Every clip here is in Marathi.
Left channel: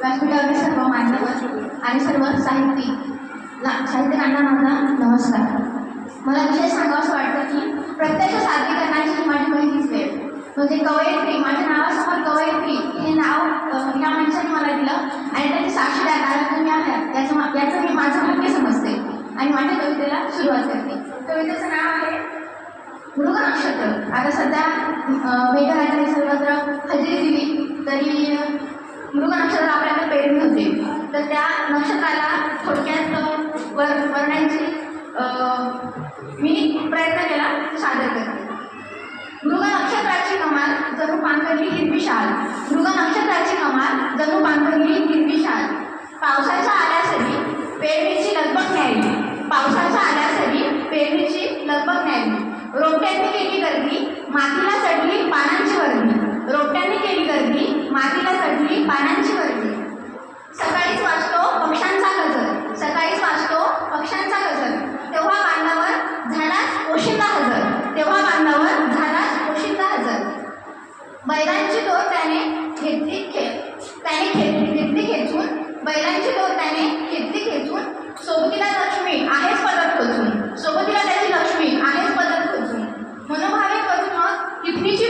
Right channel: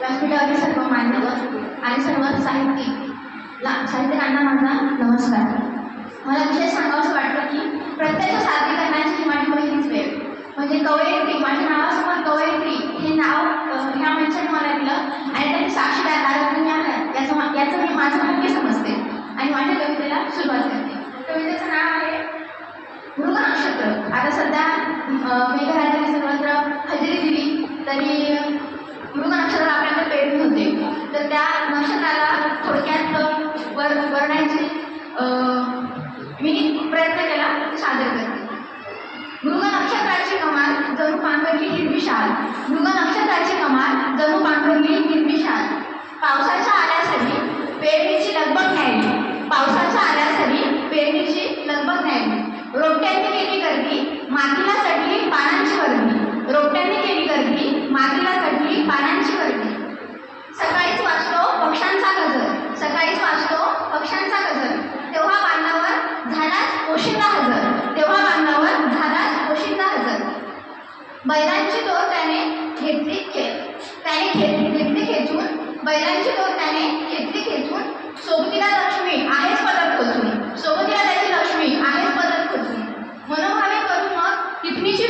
व्यासपीठावरील सर्व मान्यवर आणि सर्व साहित्यिक साहित्यिकांना माझा नमस्कार. मला विशेष सांगावंसं वाटतं की प्रत्यक्ष सादरीकरणाची करण्याची माझी पहिलीच वेळ. म्हणजे कवयित्री माझ्या नावासमोर कवयित्री हे नाव या माणसाने मला दिलं आणि त्याची साक्षीदार दादा तुम्ही याचं याचं मी माझं भाग्य समजते आणि माझ्या कवितेला सुरुवात करते. कवितेचं नाव आहे मृग नक्षत्र. आता सध्या Okay. हजर. तेव्हा बांधावर झाला पोशिंदा हजर. बैलांची डोर त्याने घेतली खे त्याने खे घेतली खेचून बैलांची डोर त्याने घेतली खेचून सोबतीला लक्ष्मी आहेच पदर खोचून. सोबतीला त्याची लक्ष्मी आहेच पदर खोचून. मनोभावे करून मग टिफणीची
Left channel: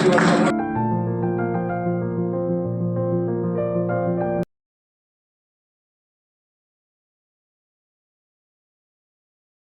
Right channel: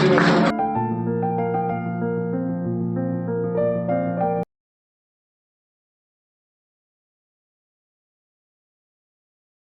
Deus.